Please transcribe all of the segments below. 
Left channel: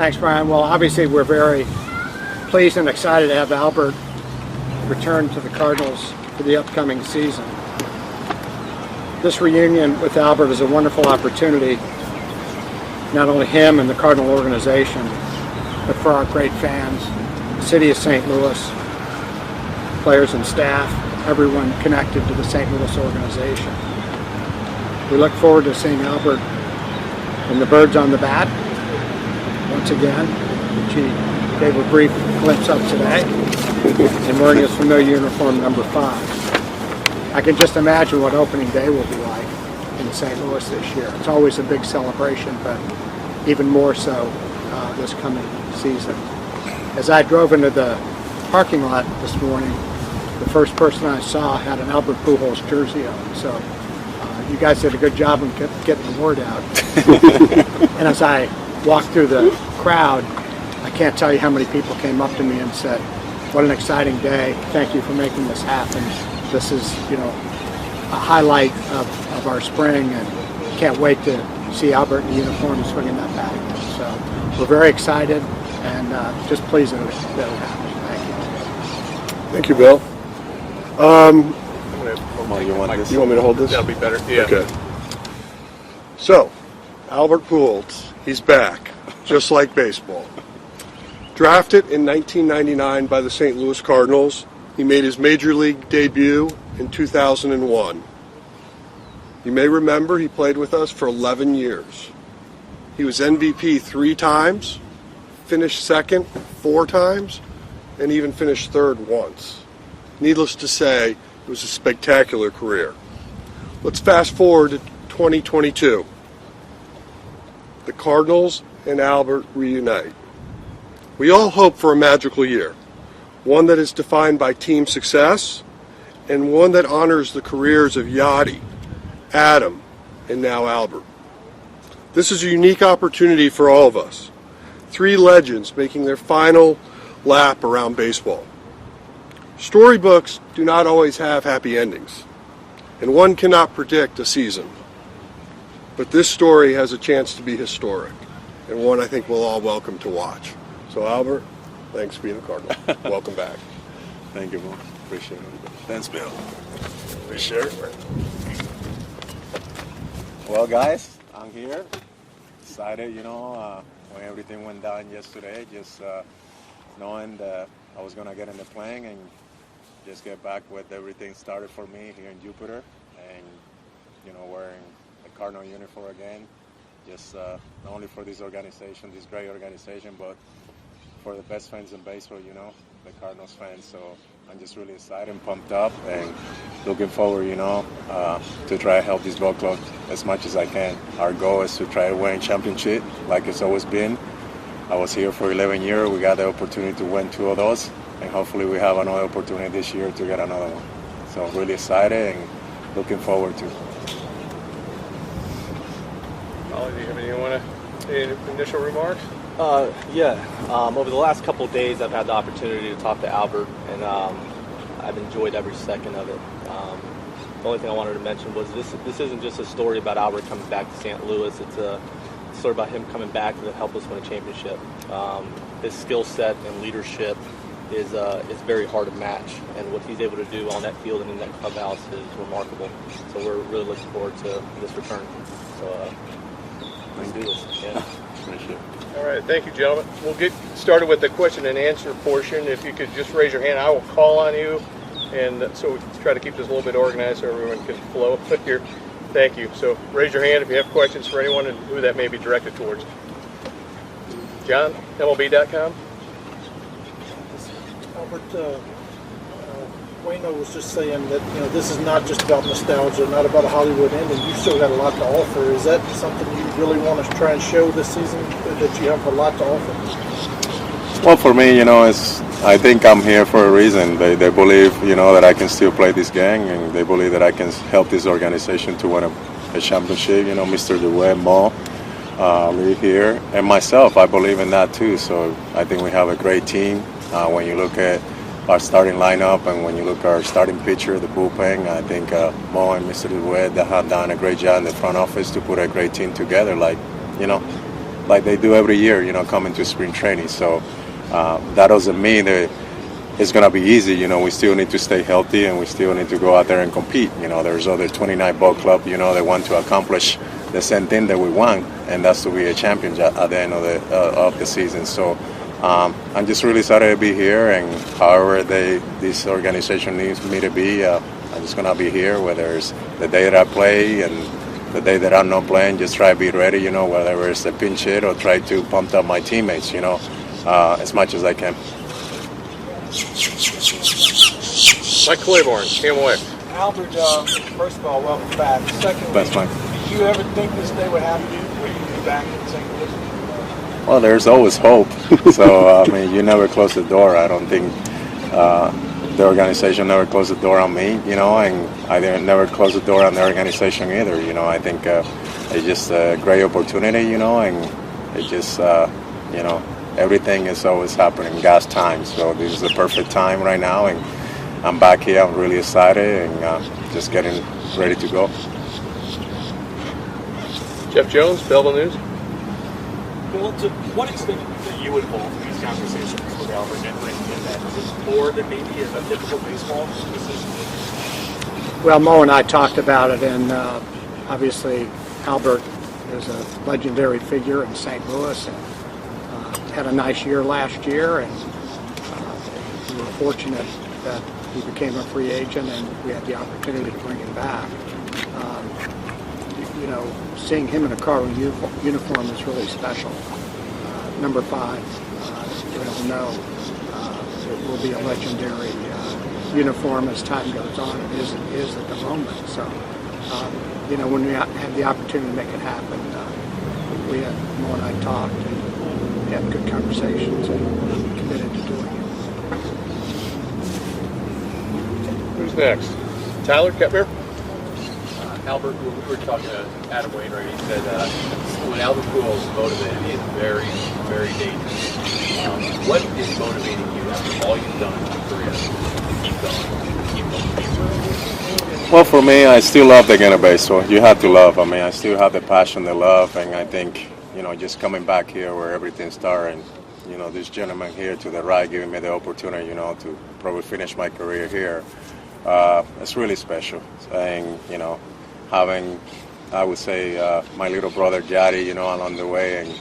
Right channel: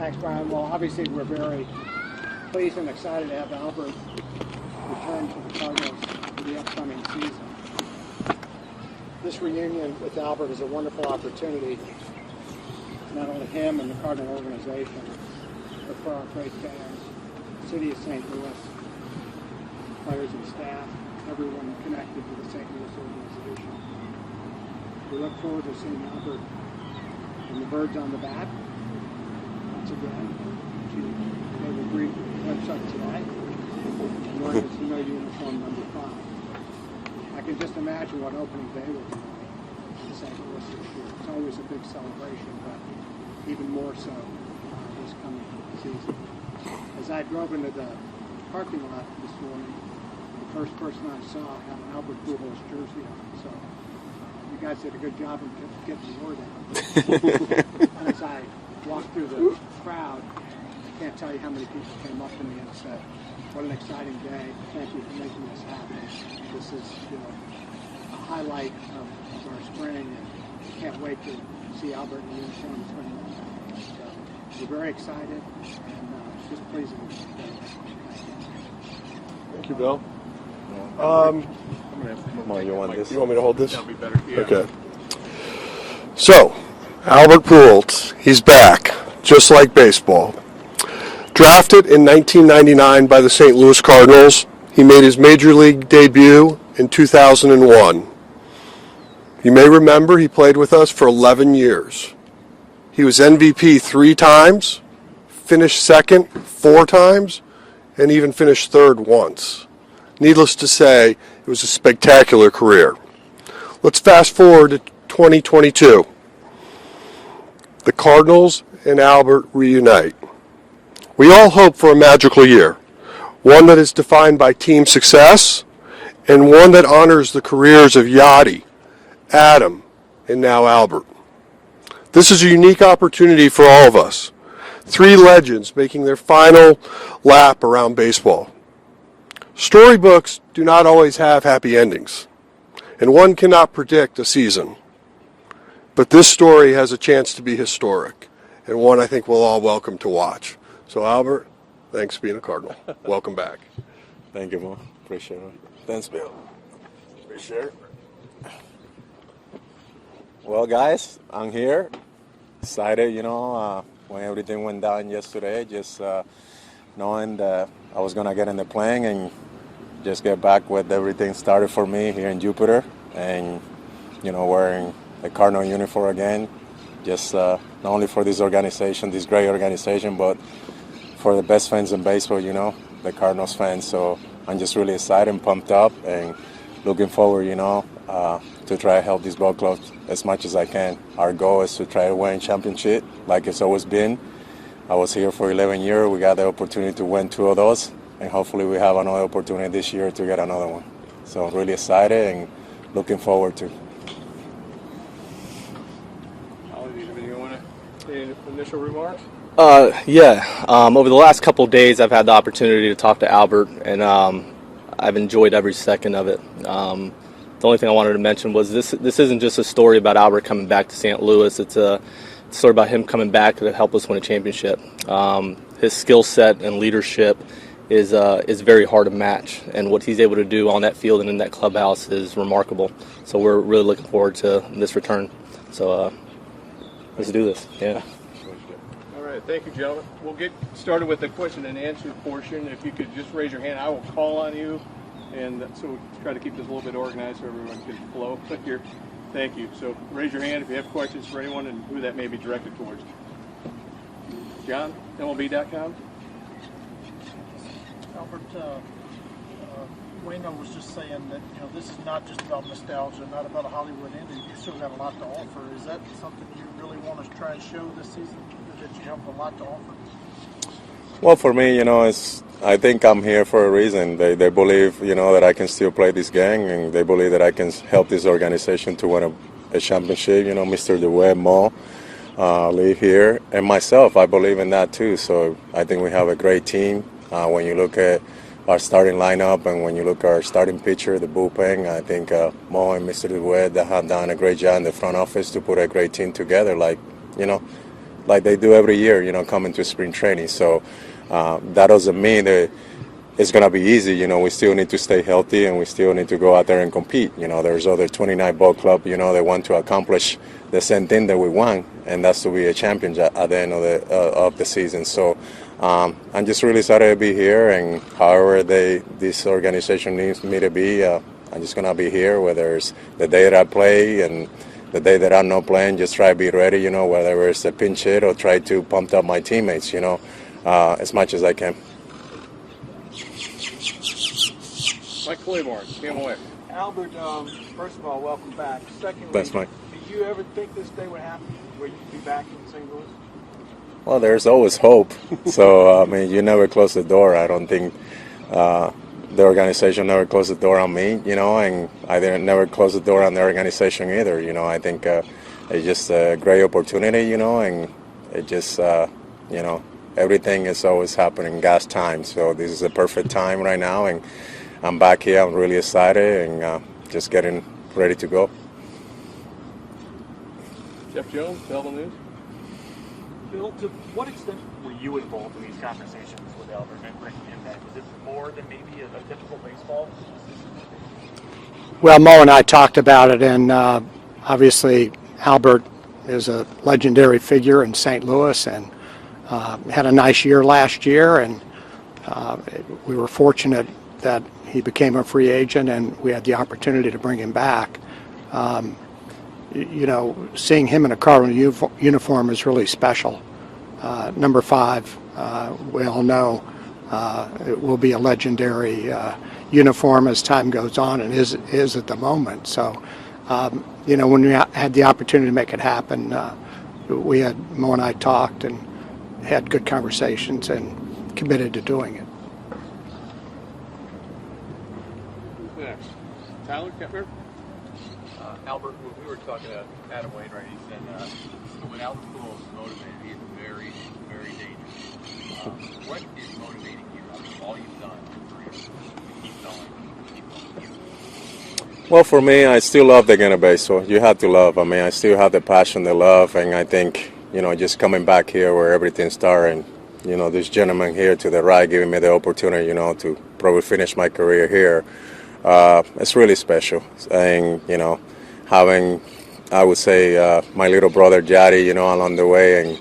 Thanks, Brian. Well, obviously we're very pleased and excited to have Albert return to the Cardinals for the upcoming season. This reunion with Albert is a wonderful opportunity, not only him and the Cardinal organization, but for our great fans, the city of St. Louis, players and staff, everyone connected to the St. Louis organization. We look forward to seeing Albert and the birds on the bat once again, which he gave a brief glimpse of today, and wearing his familiar uniform number 5. I can just imagine what opening day will be like in St. Louis this year. It's always a big celebration, but even more so this coming season. As I drove into the parking lot this morning, the first person I saw had an Albert Pujols jersey on. So you guys did a good job of getting the word out. And as I walked through the crowd, I can't tell you how many people came up to me and said, "What an exciting day. Thank you for making this happen. This is, a highlight of our spring, and can't wait to see Albert in uniform swinging that bat again." So we're very excited and just pleased that it happened. Thank you. Thank you, Bill. You want me to hold this? That'll be better. Yeah. Okay. So, Albert Pujols, he's back, just like baseball. Drafted in 1999 by the St. Louis Cardinals, he made his major league debut in 2001. You may remember he played with us for 11 years. He was MVP 3 times, finished second 4 times, and even finished third once. Needless to say, it was a spectacular career. Let's fast forward to 2022. The Cardinals and Albert reunite. We all hope for a magical year, one that is defined by team success and one that honors the careers of Yachty, Adam, and now Albert. This is a unique opportunity for all of us. 3 legends making their final lap around baseball. Storybooks do not always have happy endings, and one cannot predict a season. But this story has a chance to be historic, and one I think we'll all welcome to watch. So Albert, thanks for being a Cardinal. Welcome back. Thank you, man. Appreciate it. Thanks, Bill. Appreciate it. Well, guys, I'm here. Excited, when everything went down yesterday, just knowing that I was going to get in the plane and just get back with everything started for me here in Jupiter, and, wearing the Cardinal uniform again, just not only for this organization, this great organization, but for the best fans in baseball, the Cardinals fans. So I'm just really excited and pumped up and looking forward, to try to help this ball club as much as I can. Our goal is to try to win championship like it's always been. I was here for 11 years. We got the opportunity to win 2 of those, and hopefully we have another opportunity this year to get another one. So I'm really excited and looking forward to. Ollie, do you have any initial remarks? Over the last couple of days, I've had the opportunity to talk to Albert, and I've enjoyed every second of it. The only thing I wanted to mention was this isn't just a story about Albert coming back to St. Louis. It's a story about him coming back to help us win a championship. His skill set and leadership is very hard to match, and what he's able to do on that field and in that clubhouse is remarkable. So we're really looking forward to this return. So let's do this. Yeah. All right, thank you, gentlemen. We'll get started with the question and answer portion. If you could just raise your hand, I will call on you, and so we can try to keep this a little bit organized so everyone can flow here. Thank you. So raise your hand if you have questions for anyone and who that may be directed towards. John, MLB.com. Albert, Wayno was just saying that this is not just about nostalgia, not about a Hollywood ending. You still got a lot to offer. Is that something you really want to try and show this season, that you have a lot to offer? Well, for me, I think I'm here for a reason. They believe, that I can still play this game, and they believe that I can help this organization to win a championship. Mr. DeWitt, Mo, Lee here, and myself, I believe in that too. So I think we have a great team. When you look at our starting lineup and when you look at our starting pitcher, the bullpen, I think Mo and Mr. DeWitt have done a great job in the front office to put a great team together. Like like they do every year, coming to spring training. So that doesn't mean that it's going to be easy. We still need to stay healthy, and we still need to go out there and compete. There's other 29 ball club, that want to accomplish the same thing that we want, and that's to be a champion at the end of the season. So I'm just really excited to be here, and however this organization needs me to be, I'm just going to be here, whether it's the day that I play and the day that I'm not playing, just try to be ready, whether it's a pinch hit or try to pump up my teammates, as much as I can. Mike Claiborne, KMOX. Albert, first of all, welcome back. Secondly, Thanks, Mike. did you ever think this day would happen where you'd be back in St. Louis? Well, there's always hope. So, you never close the door. I don't think the organization never closed the door on me, and I never closed the door on the organization either. I think it's just a great opportunity, and it just, everything is always happening in God's time. So this is the perfect time right now, and I'm back here. I'm really excited and just getting ready to go. Jeff Jones, Belleville News. Bill, to what extent are you involved in these conversations with Albert and that? Is it more than maybe a typical baseball decision? Well, Mo and I talked about it, and obviously Albert is a legendary figure in St. Louis and had a nice year last year, and we were fortunate that he became a free agent and we had the opportunity to bring him back. Seeing him in a Cardinal uniform is really special. Number 5, we all know, it will be a legendary uniform as time goes on, and is at the moment. So, when we had the opportunity to make it happen, Mo and I talked and had good conversations and committed to doing it. Who's next? Tyler Kepner? Albert, when we were talking to Adam Wainwright, he said when Albert Pujols is motivated, he is very, very dangerous. What is motivating you after all you've done in your career to keep going? Well, for me, I still love the game of baseball. You have to love. I still have the passion, the love, and I think, just coming back here where everything started, and, this gentleman here to the right giving me the opportunity, to probably finish my career here, it's really special. And, having, I would say, my little brother Jari, along the way,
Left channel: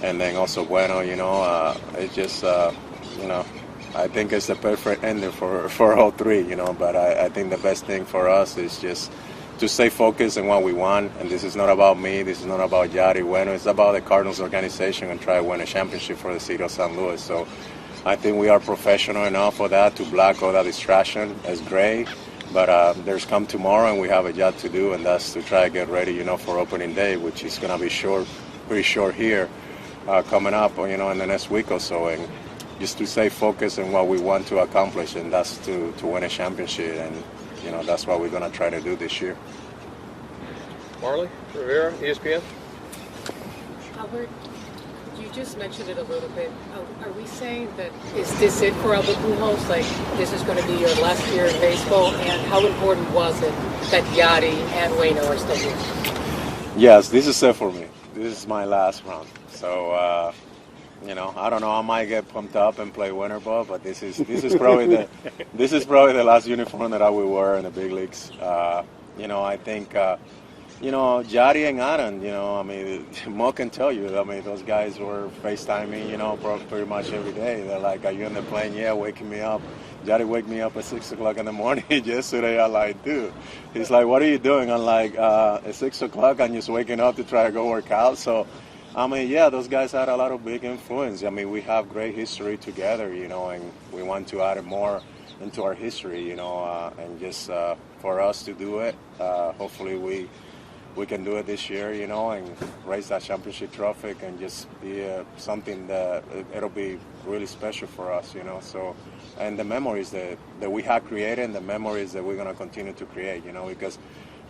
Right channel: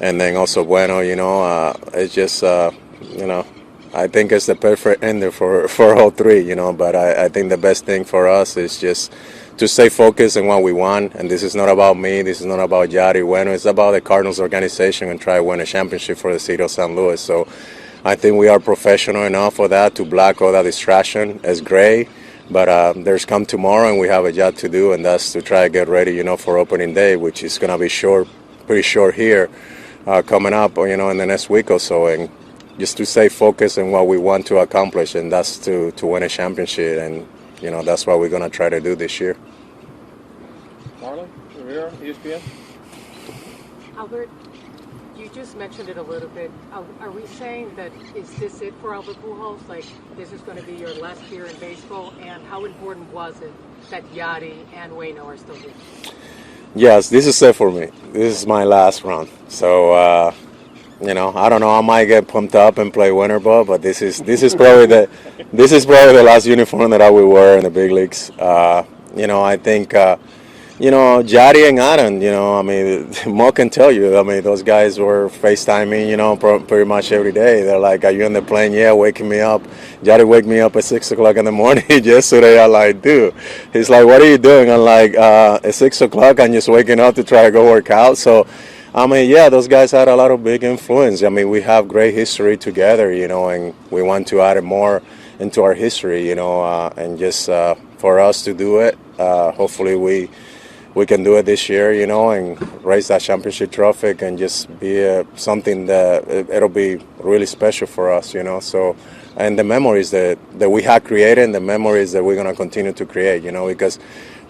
and then also Bueno, it's just, I think it's the perfect ender for all three, but I think the best thing for us is just to stay focused on what we want, and this is not about me, this is not about Jari Bueno, it's about the Cardinals organization and try to win a championship for the city of St. Louis. So I think we are professional enough for that, to block all that distraction. It's great. But there's come tomorrow, and we have a job to do, and that's to try to get ready, for opening day, which is going to be pretty short here, coming up, in the next week or so, and just to stay focused on what we want to accomplish, and that's to win a championship, and that's what we're going to try to do this year. Marley Rivera, ESPN. Albert, you just mentioned it a little bit. Are we saying that is this it for Albert Pujols? Like, this is going to be your last year in baseball? And how important was it that Yachty and Waino are still here? Yes, this is it for me. This is my last run. So, I don't know. I might get pumped up and play winter ball, but this is probably the last uniform that I will wear in the big leagues. I think. Jari and Adam, Mo can tell you, those guys were FaceTiming, pretty much every day. They're like, are you on the plane? Yeah, waking me up. Jari wake me up at 6 o'clock in the morning yesterday. I'm like, dude. He's like, what are you doing? I'm like, at 6 o'clock, I'm just waking up to try to go work out. So, those guys had a lot of big influence. We have great history together, and we want to add more into our history, and just for us to do it, hopefully we can do it this year, and raise that championship trophy and just be something that it'll be really special for us, So, and the memories that we have created, and the memories that we're gonna continue to create, because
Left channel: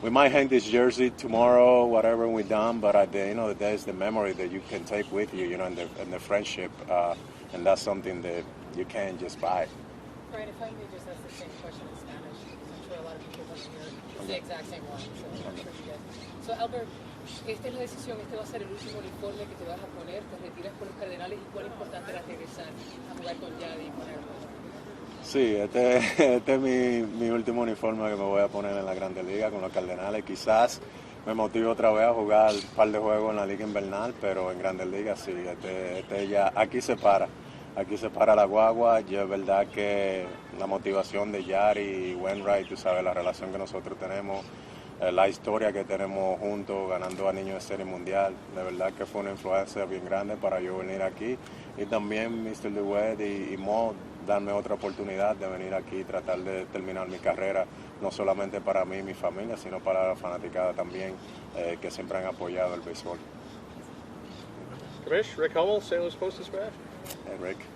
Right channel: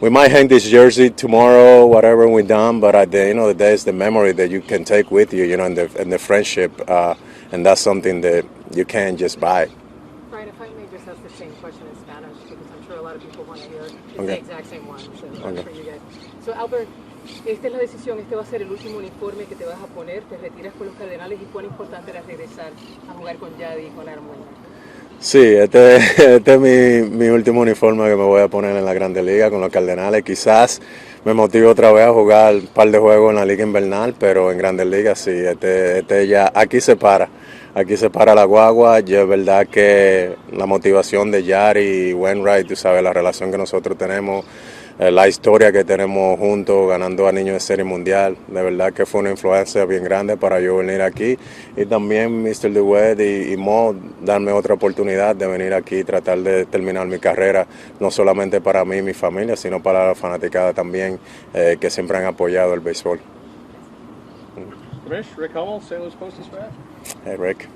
we might hang this jersey tomorrow, whatever we're done, but at the end of the day, it's the memory that you can take with you, and the friendship, and that's something that you can't just buy. Right. If I may just ask the same question in Spanish, because I'm sure a lot of people want to hear Okay. the exact same one. So Okay. for you guys. So Albert, Esta es la decisión, este va a ser el último uniforme que te vas a poner, te retiras con los Cardenales y cuán importante era regresar a jugar con Yadi y con Armando. Sí, este es mi último uniforme que me voy a poner en la Grandes Ligas con los Cardenales. Quizás me motive otra vez a jugar un par de juegos en la Liga Invernal, pero en Grandes Ligas sí, este ya, aquí se para la guagua. Y es verdad que la motivación de Yari y Wainwright, tú sabes, la relación que nosotros tenemos, la historia que tenemos juntos, ganando a niños de serie mundial, de verdad que fue una influencia bien grande para yo venir aquí. Y también Mr. DeWitt y Mo darme otra oportunidad de venir aquí y tratar de terminar mi carrera, no solamente para mí y mi familia, sino para la fanaticada también, que siempre han apoyado el béisbol. Commish, Rick Hummel, St. Louis Post-Dispatch. Hey, Rick.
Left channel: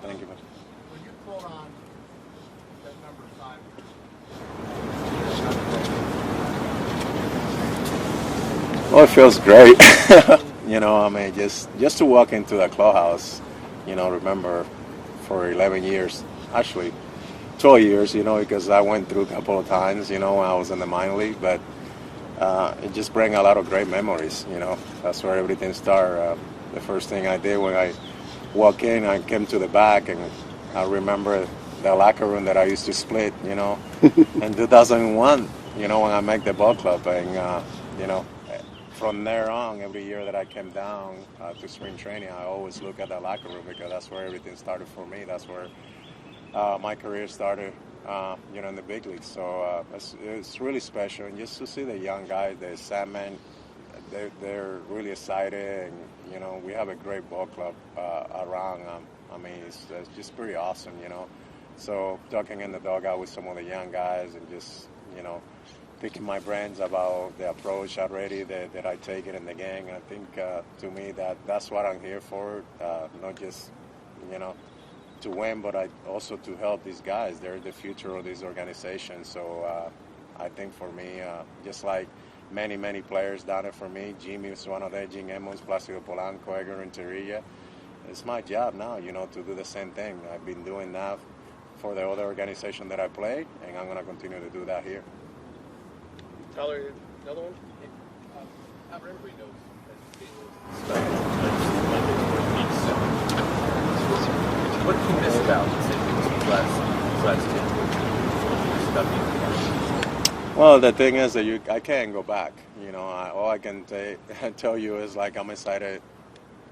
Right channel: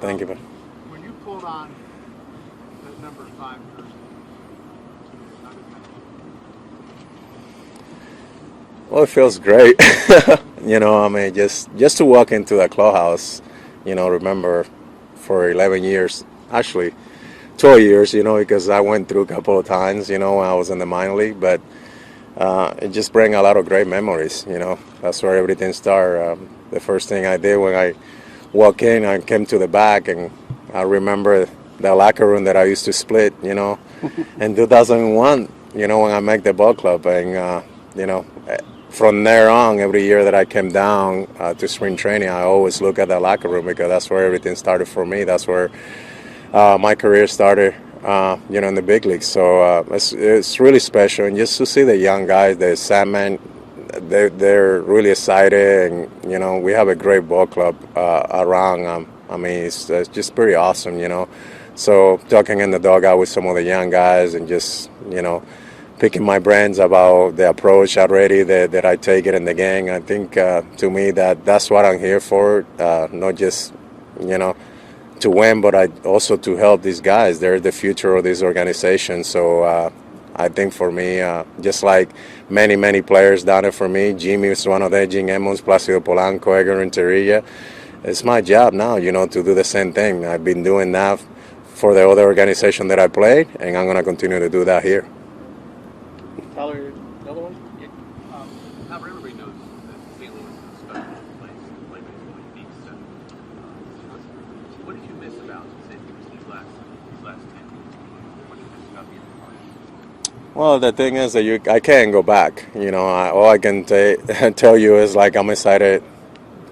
Thank you, man. When you pulled on that number 5 Oh, it feels great. You know, I mean, just to walk into the clubhouse, you know, remember for 11 years, actually 12 years, you know, because I went through a couple of times, you know, when I was in the minor league, but it just brings a lot of great memories, you know. That's where everything started. The first thing I did when I walked in, I came to the back, and I remember the locker room that I used to split, you know, in 2001, you know, when I made the ball club, and, you know, from there on, every year that I came down to spring training, I always look at the locker room because that's where everything started for me. That's where my career started, you know, in the big leagues. So it's really special. And just to see the young guys, the Sandman, they're really excited. And, you know, we have a great ball club around. I mean, it's just pretty awesome, you know. So talking in the dugout with some of the young guys and just, you know, picking my brains about the approach already that I take it in the game. I think to me that's what I'm here for, not just, you know, to win, but also to help these guys. They're the future of this organization. So I think for me, just like many players done it for me, Jimmy was one of them, Jim Emmons, Placido Polanco, Edgar Renteria. It's my job now, you know, to do the same thing. I've been doing that for the other organization that I played, and I'm going to continue to do that here. Tyler, another one? Albert, everybody knows that St. Louis is what do you miss about St. Louis these last 10 years? About being Well, the thing is that I can't go back. You know, all I can tell you is like I'm excited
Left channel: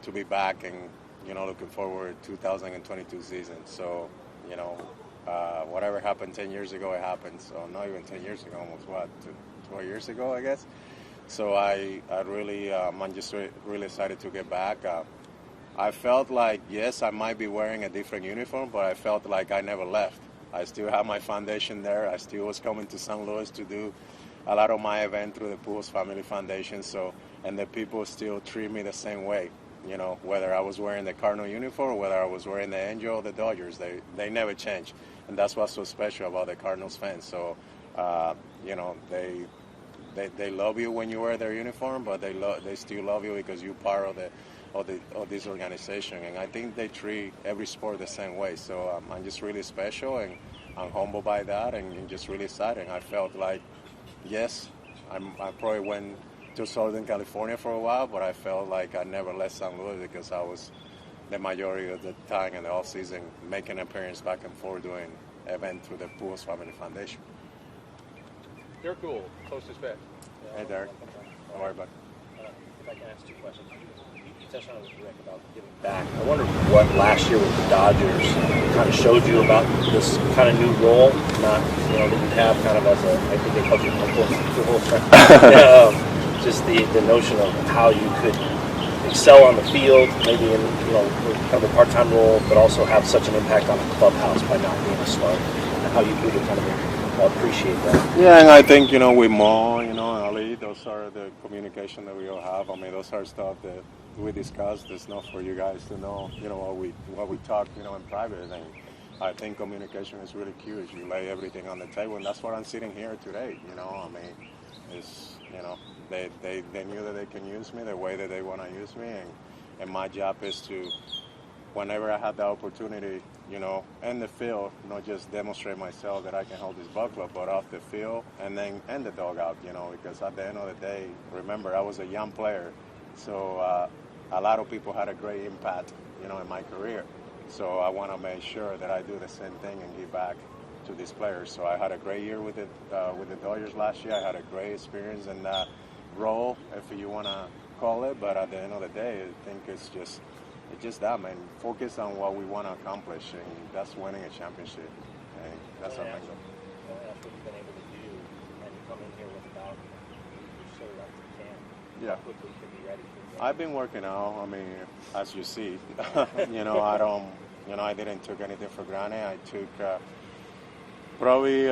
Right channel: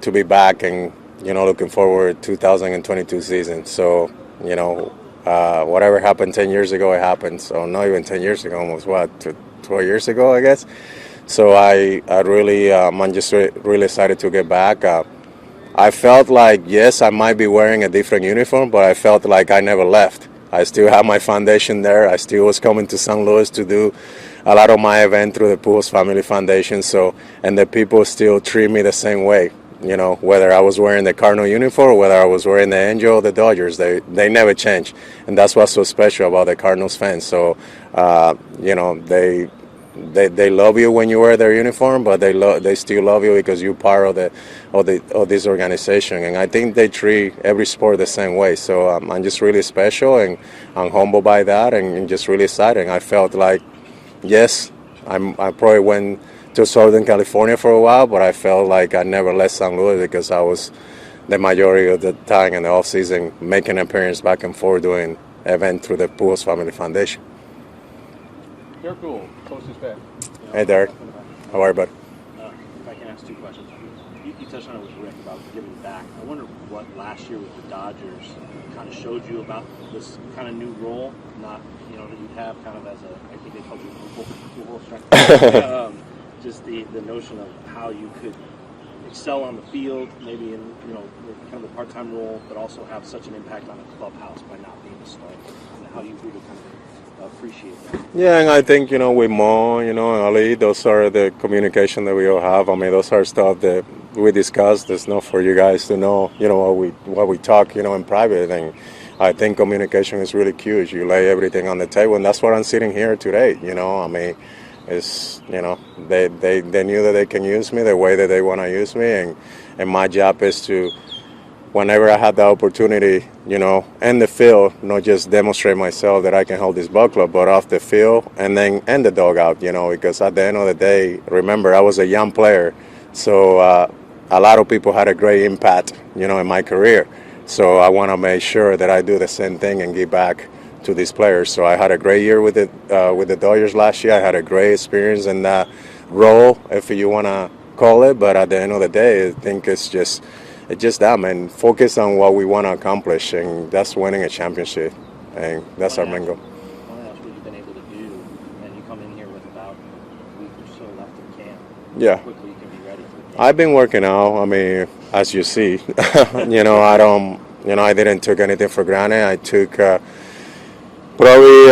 to be back and, you know, looking forward to 2022 season. So, you know, whatever happened 10 years ago, it happened. So not even 10 years ago, almost 12 years ago, I guess. So I really, I'm just really excited to get back. I felt like, yes, I might be wearing a different uniform, but I felt like I never left. I still have my foundation there. I still was coming to St. Louis to do a lot of my event through the Pujols Family Foundation. So, and the people still treat me the same way. You know, whether I was wearing the Cardinal uniform or whether I was wearing the Angel or the Dodgers, they never change. And that's what's so special about the Cardinals fans. So, you know, they love you when you wear their uniform, but they still love you because you're part of this organization. And I think they treat every sport the same way. So I'm just really special, and I'm humbled by that, and just really excited. I felt like, yes, I probably went to Southern California for a while, but I felt like I never left St. Louis because I was the majority of the time in the off season making an appearance back and forth doing event through the Pujols Family Foundation. Derek Gould, Post-Dispatch. Hey, Derek. How are you, bud? If I can ask two questions. You touched on it with Rick about giving back. I wonder what last year with the Dodgers kind of showed you about this kind of new role, not, you know, that you have kind of as a, I think they called you just the notion of how you could excel on the field, maybe in, you know, kind of a part-time role, but also have such an impact on the clubhouse by not being a starter, and how you could kind of appreciate that. Yeah, and I think, you know, with Mo, you know, Ali, those are the communication that we all have. I mean, those are stuff that we discuss. There's not for you guys to know, you know, what we talk, you know, in private. And I think communication is really huge. You lay everything on the table, and that's what I'm sitting here today. You know, I mean, it's, you know, they knew that they can use me the way that they want to use me, and my job is to whenever I had the opportunity, you know, in the field, not just demonstrate myself that I can hold this ball club, but off the field and then in the dugout, you know, because at the end of the day, remember, I was a young player. So a lot of people had a great impact, you know, in my career. So I want to make sure that I do the same thing and give back to these players. So I had a great year with the Dodgers last year. I had a great experience in that role, if you want to call it. But at the end of the day, I think it's just that, man. Focus on what we want to accomplish, and that's winning a championship, and that's our main goal. I want to ask what you've been able to do, and you come in here with about a week or so left in camp. Yeah. How quickly you can be ready for the I've been working out. I mean, as you see, you know, I didn't take anything for granted. I took probably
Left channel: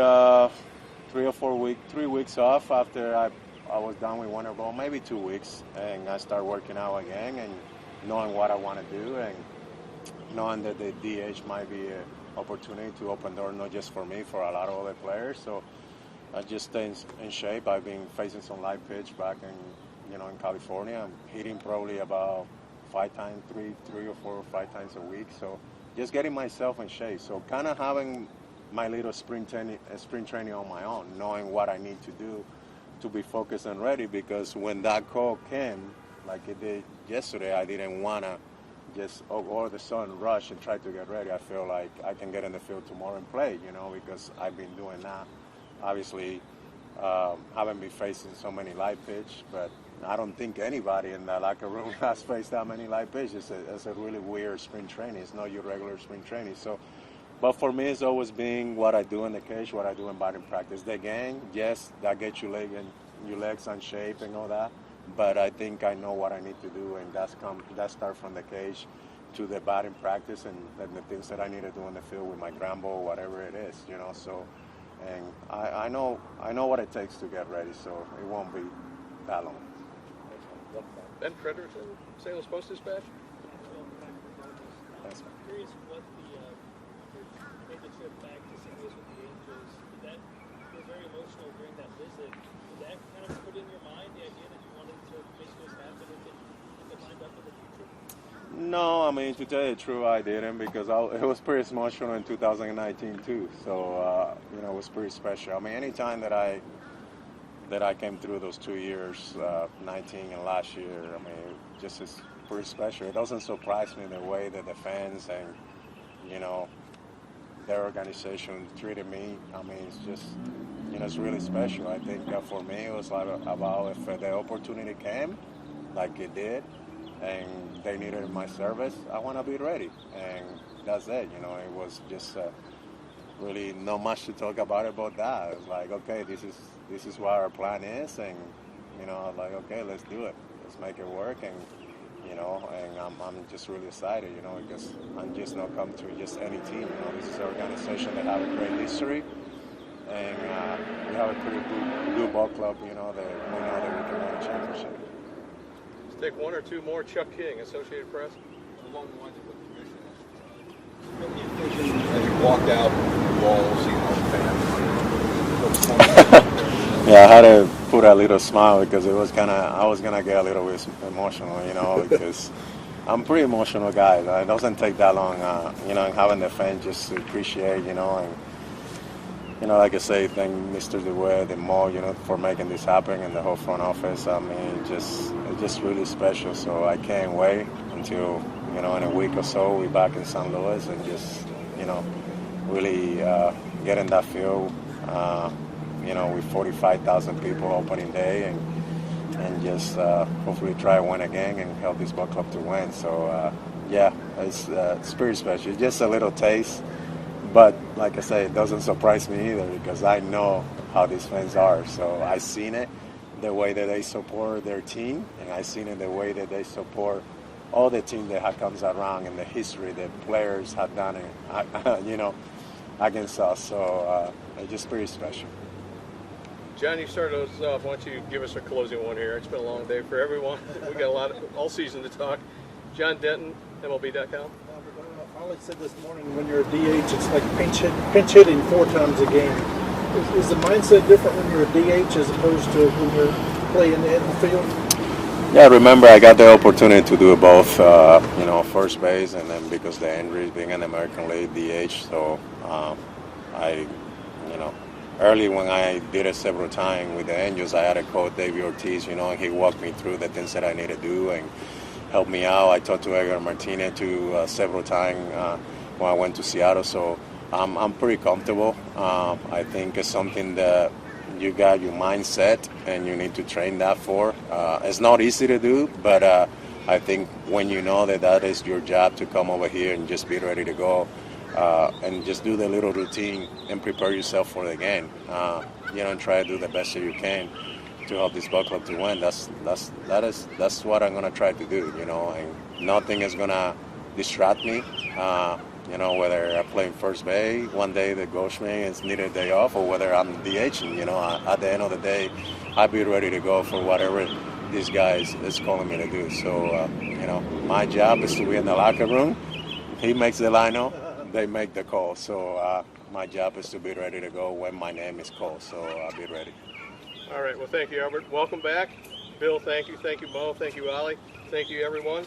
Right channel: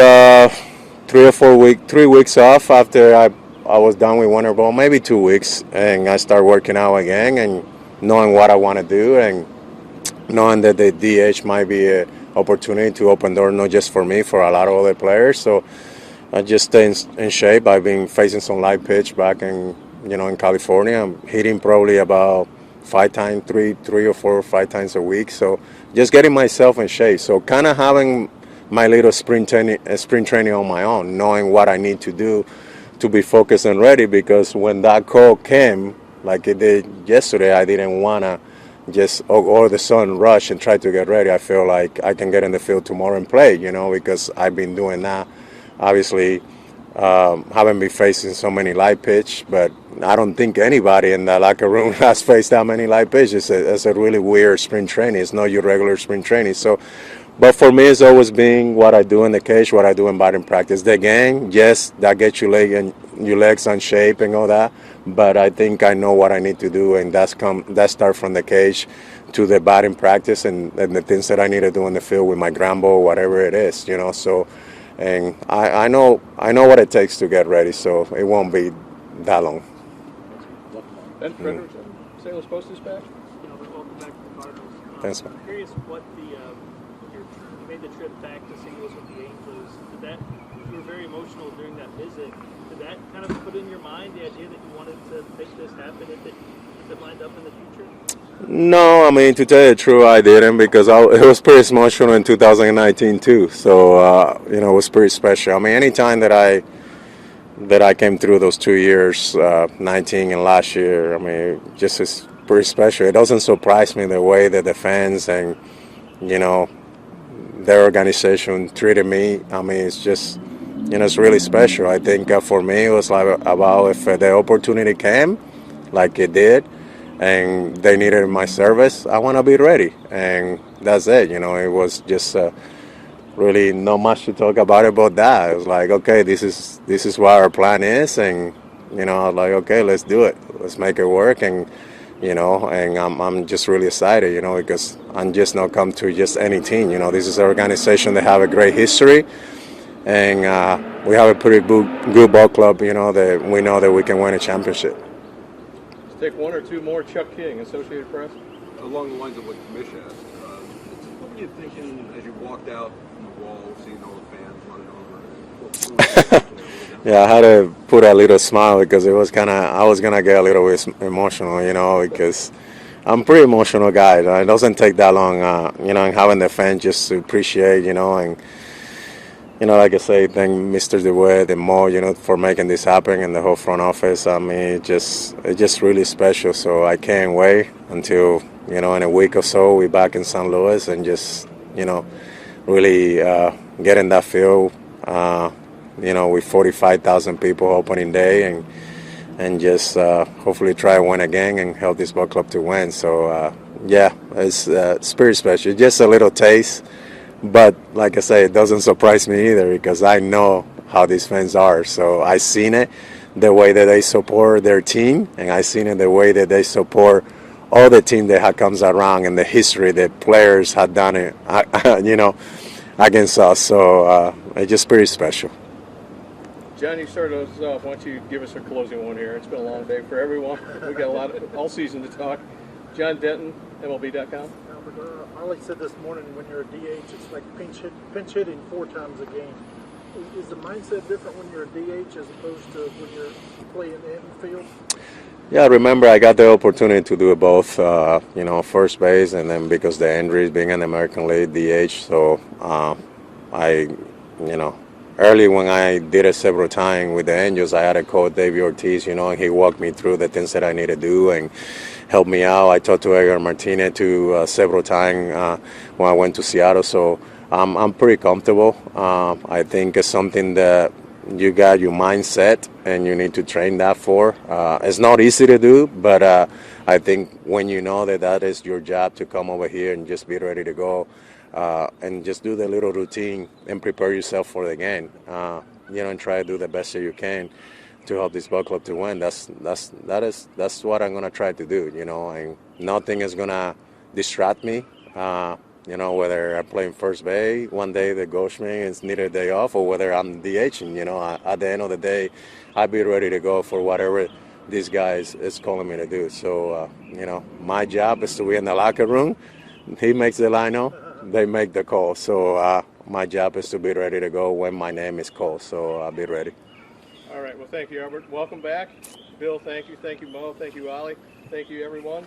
3 weeks off after I was done with winter ball, maybe 2 weeks, and I started working out again and knowing what I want to do and knowing that the DH might be an opportunity to open door not just for me, for a lot of other players. So I just stay in shape. I've been facing some light pitch back in California. I'm hitting probably about 5 times, three or 4 or 5 times a week. So just getting myself in shape. So kind of having my little spring training on my own, knowing what I need to do to be focused and ready, because when that call came, like it did yesterday, I didn't want to just all of a sudden rush and try to get ready. I feel like I can get in the field tomorrow and play, you know, because I've been doing that. Obviously, haven't been facing so many light pitch, but I don't think anybody in the locker room has faced that many light pitches. It's a really weird spring training. It's not your regular spring training. So, but for me, it's always been what I do in the cage, what I do in batting practice. The game, yes, that gets your legs on shape and all that. But I think I know what I need to do, and that start from the cage to the batting practice and the things that I need to do in the field with my ground ball, whatever it is, you know. So, and I know what it takes to get ready, so it won't be that long. Ben Critters, St. Louis Post-Dispatch. Welcome back to the Cardinals. Thanks, man. I'm curious what you made the trip back to St. Louis with the Angels. You were very emotional during that visit. Did that kind of put in your mind the idea that you wanted to make this happen if it lined up in the future? No, I mean, to tell you the truth, I didn't, because it was pretty emotional in 2019 too. So it was pretty special. I mean, anytime that I came through those 2 years, 19 and last year, I mean, just is pretty special. It doesn't surprise me the way that the fans and their organization treated me. I mean, it's just, it's really special. I think for me, it was like about if the opportunity came, like it did, and they needed my service, I want to be ready. And that's it. It was just really not much to talk about that. It was like, okay, this is what our plan is, and I was like, okay, let's do it. Let's make it work. And and I'm just really excited, because I'm just not come to just any team. This is an organization that have a great history, and we have a pretty good ball club, that we know that we can win a championship. Let's take one or two more. Chuck King, Associated Press. Along the lines of what Commish asked, what were you thinking as you walked out the wall, seeing all the fans? Yeah, I had to put a little smile because it was I was going to get a little bit emotional, because I'm a pretty emotional guy. It doesn't take that long, and having the fans just to appreciate, and, like I say, thank Mr. DeWitt and Mo, for making this happen, and the whole front office. I mean, it's just really special. So I can't wait until, in a week or so, we're back in St. Louis and just, really get in that field, with 45,000 people opening day, and just hopefully try to win again and help this ball club to win. So, it's pretty special. Just a little taste. But like I say, it doesn't surprise me either, because I know how these fans are. So I seen it, the way that they support their team, and I seen it the way that they support all the team that comes around, and the history that players had done it, against us. So it's just pretty special. John, you started us off. Why don't you give us a closing one here? It's been a long day for everyone. We got all season to talk. John Denton, MLB.com. Ollie said this morning, when you're a DH, it's like pinch hitting 4 times a game. Is the mindset different when you're a DH as opposed to when you're playing in the field? Yeah, remember I got the opportunity to do both, first base, and then because the injuries being in the American League, DH. So I, early when I did it several times with the Angels, I had a coach, David Ortiz. He walked me through the things that I need to do and helped me out. I talked to Edgar Martinez too several times when I went to Seattle. So I'm pretty comfortable. I think it's something that you got your mindset and you need to train that for. It's not easy to do, but I think when you know that is your job to come over here and just be ready to go and just do the little routine and prepare yourself for the game. And try to do the best that you can to help this ball club to win. That's what I'm gonna try to do. And nothing is gonna distract me. Whether I'm playing first base one day, the Ghostman is needed a day off, or whether I'm DHing. At the end of the day, I'll be ready to go for whatever these guys is calling me to do. So, my job is to be in the locker room. He makes the lineup, they make the call. So, my job is to be ready to go when my name is called. So, I'll be ready. All right. Well, thank you, Albert. Welcome back. Bill, thank you. Thank you, Mo. Thank you, Ali. Thank you, everyone.